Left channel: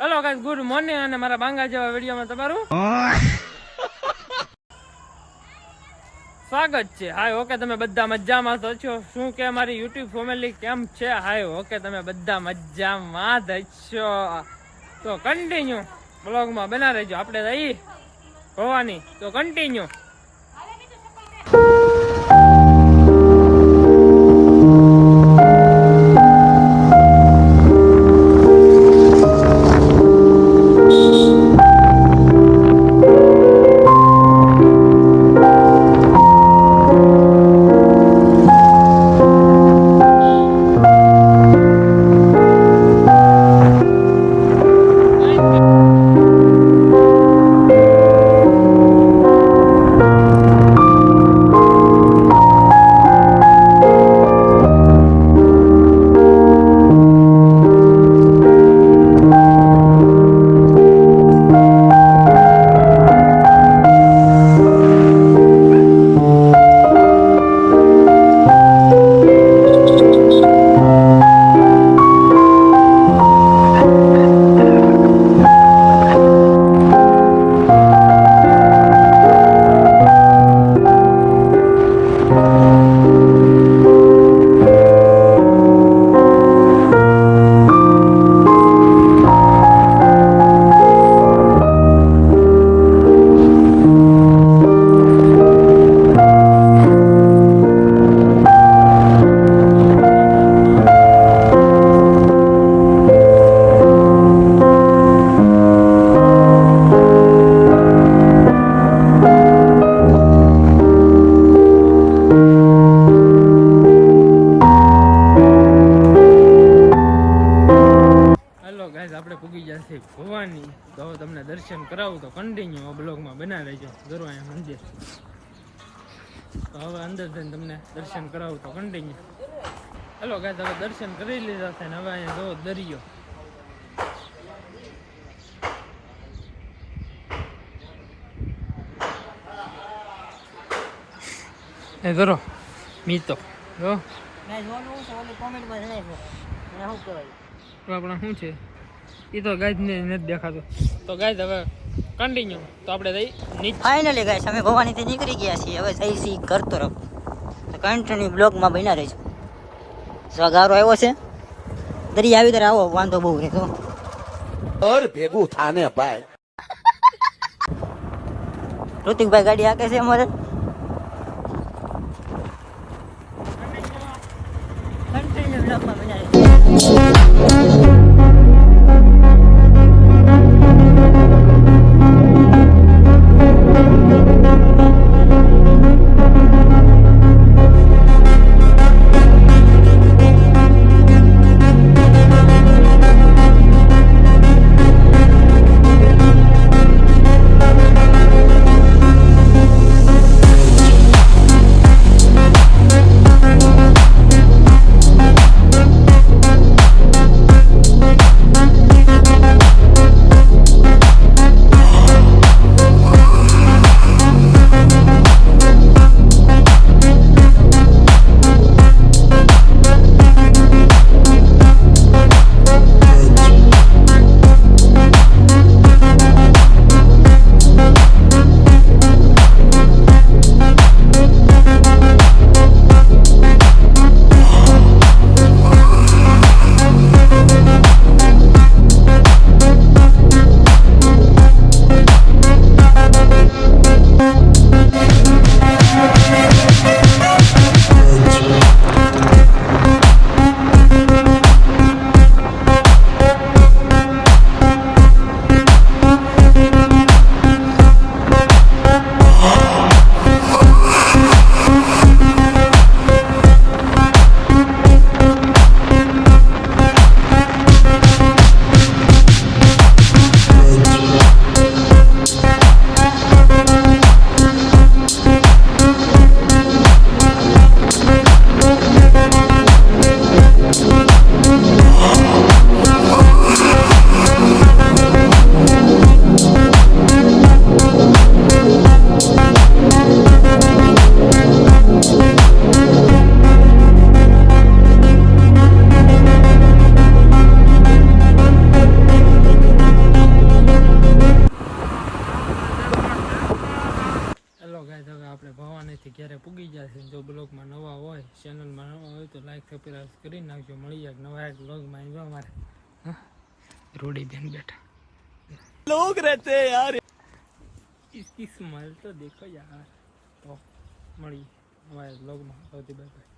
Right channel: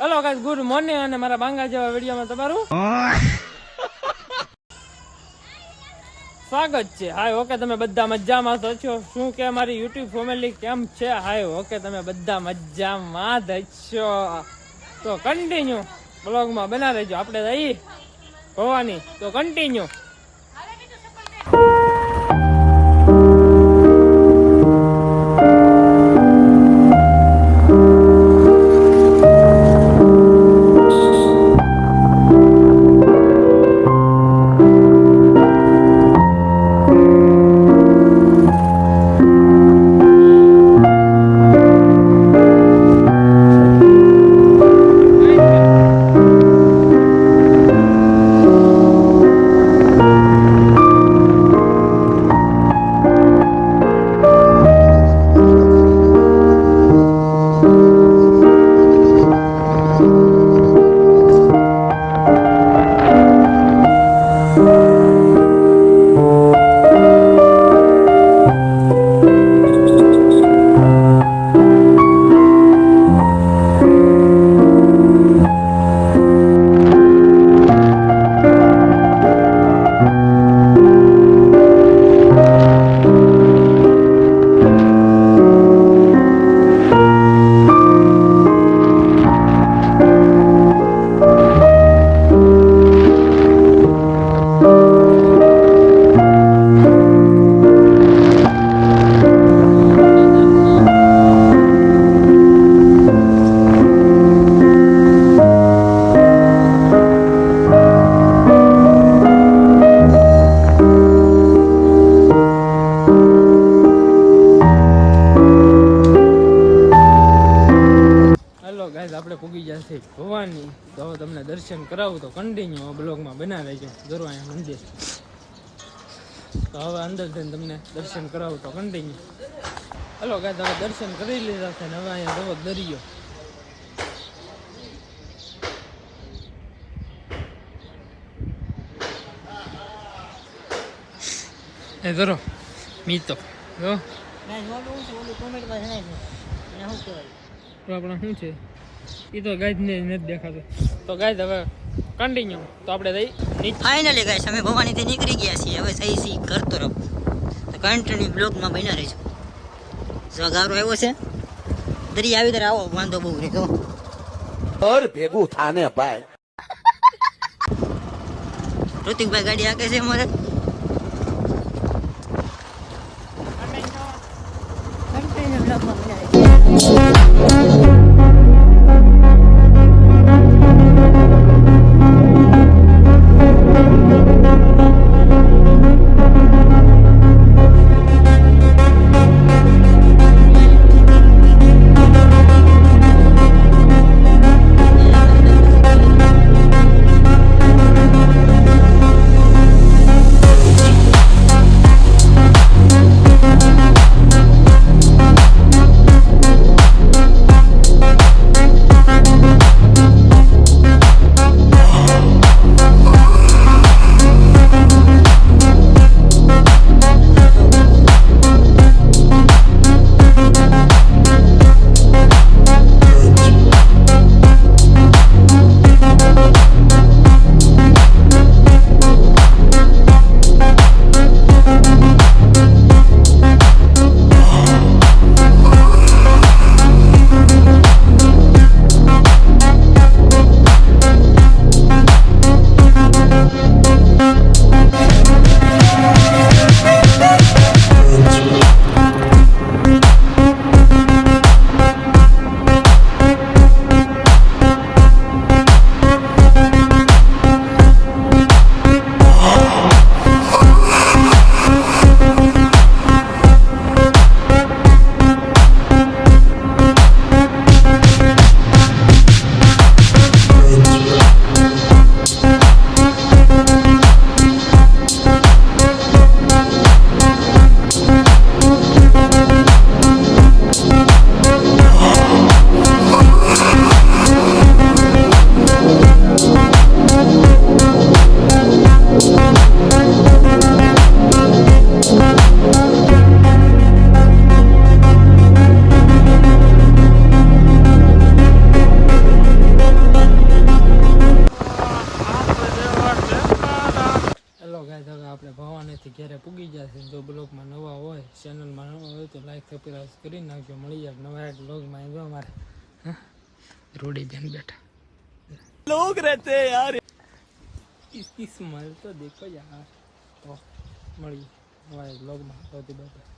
Hello guys, good morning અને મારા બાંગા જેવા વિડીયોમાં તમારું સ્વાગત છે. હાય ઓકે, તમે બધા મજામાં તો છો? શું કે મારી યુટ્યુબ ફેમિલી કેમ છે? હાય ઓકે, તમે બધા મજામાં જ છો તો કન્ટિન્યુ બ્લોગમાં બના રહેજો. આપણે રહી ભવાની તો કન્ટિન્યુ. આપણે પૂગી જશે ભવાની, તો હવે તમને દર્શન કરાવું તો કન્ટિન્યુ બ્લોગમાં બના રહેજો. જરૂર અહીંયા મંદિર, તો હવે અંદર જઈને તમને દર્શન કરાવું તો કન્ટિન્યુ. હલો ગાઈસ, હવે દર્શન કરી લીધા છે ને હવે અહીંયા જોવો દરિયો. એ ધરો મીતો જો આપણા શું છે એ તો ગાઈડ ને નથી દેખાતું. તો ગાઈડ હવે કન્ટિન્યુ. તો આપણે જઈ નીચે. ફાઇનલી ગાઈસ અમે ભવાનીથી નીકળી ગયા છીએ. હવે જઈ છીએ ઘર તરફ. તો કન્ટિન્યુ બ્લોગમાં બન્યા રહેજો. સગારો આવ્યો છે, દરિયા આવી ત્યારે આવો વાંધો બહુ રહે તો ભેગું થાને ભાઈ. ઋતિકભાઈ ગાડી હાકે છે અમારે. કન્ટિન્યુ બ્લોગમાં બન્યા રહેજો. ગાઈઝ હવે આપણે ભવાનીથી ઘરે પૂગી જશે. જો બ્લોગમાં નવા હોય, ચેનલમાં નવા હોય તો લાઈક સબસ્ક્રાઈબ કરી નાખજો. મળી જાય નવા એક બ્લોગમાં. જો અમારે રોડી બેન બેઠા लोग रहते हैं यार. इसकी स्माइल तो देखो यार. તો મળી નવા એક બ્લોગમાં. Bye bye.